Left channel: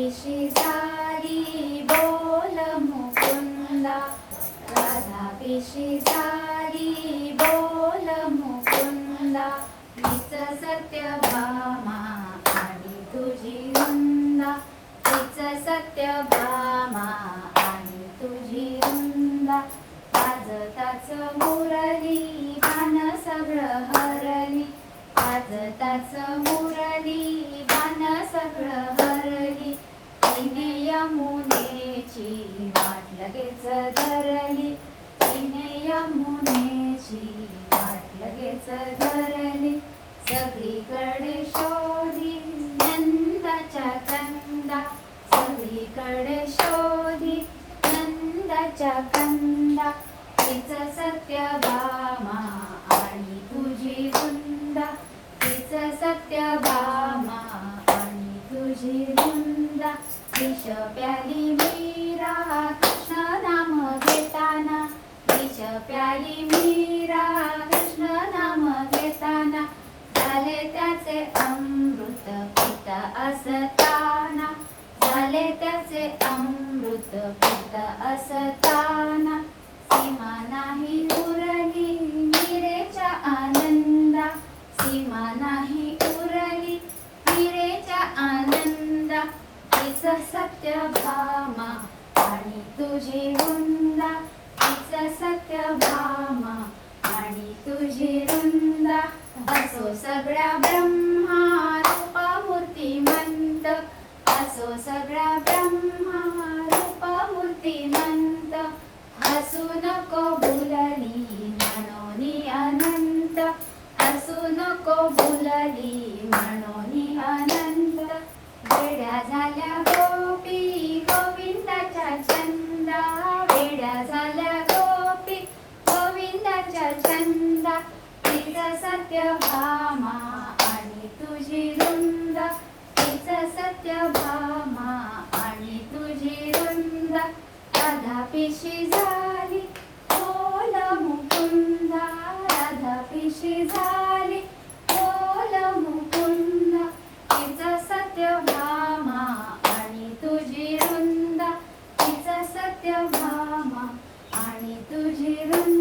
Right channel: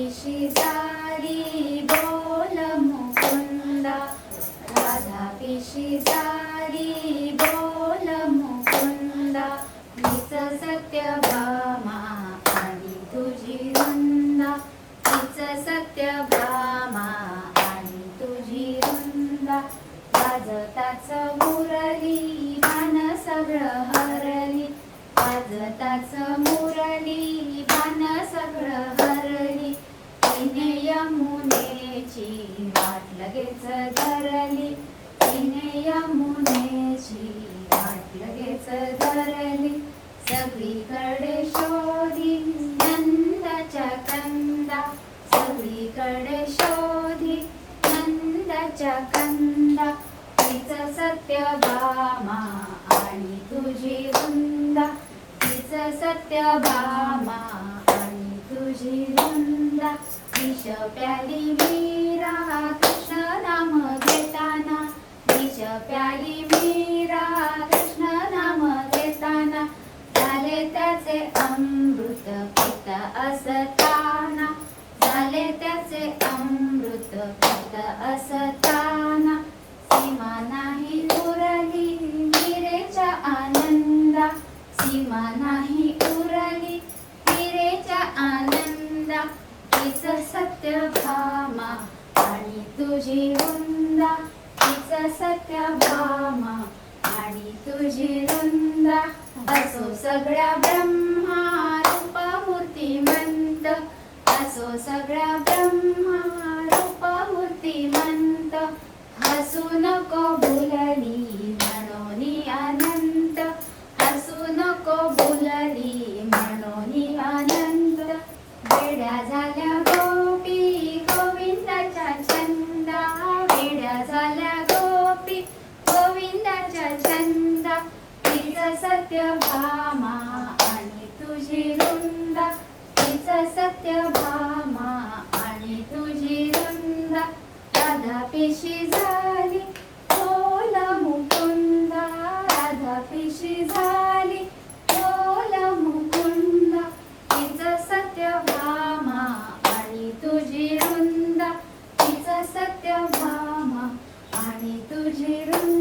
पिशी झाली बोल मुकुंदा. राधा पिशी झाली बोल मुकुंदा. हीच सत्य भामा आणि तुझी वंदा हीच सत्य भामा आणि तुझी वंदा वाजताच मुरली गाण सगळं हरली वाजताच मुरली गाण सगळं हरली तिने यमुनेची वाट लगेच धरली. तिने यमुनेची वाट लगेच धरली. सगळीकडे शोधी नंदाच्या कंदा. सगळीकडे शोधी नंदाच्या कंदा. तिचं सत्य भामा आणि असताना झाले त्याचे अमृत पित असताना. सीमा नाही उरली हिरेच्या आनंदा. सीमा नाही उरली हिरेच्या आनंदा. तिच सत्य भामा आणि तुझी वृंदा. तिच सत्य भामा आणि तुझी वृंदा. असो सगळ्या ब्रह्मा रूप मूर्तिमंत सगळ्या ब्रह्मा रूप मूर्तिमंत हसू नको भुलली म्हणोनी अनंत. हसू नको भुलली म्हणोनी अनंत. वेड्या झाल्या गोपी गोविंदाच्या छंदा. वेड्या झाल्या गोपी गोविंदाच्या छंदा. तिच सत्य भामा पिशी झाली बोल मुकुंदा राधा पिशी झाली बोल मुकुंदा सत्य भामा आणि तुझी रुंदा सत्य भामा आणि तुझी रुंदा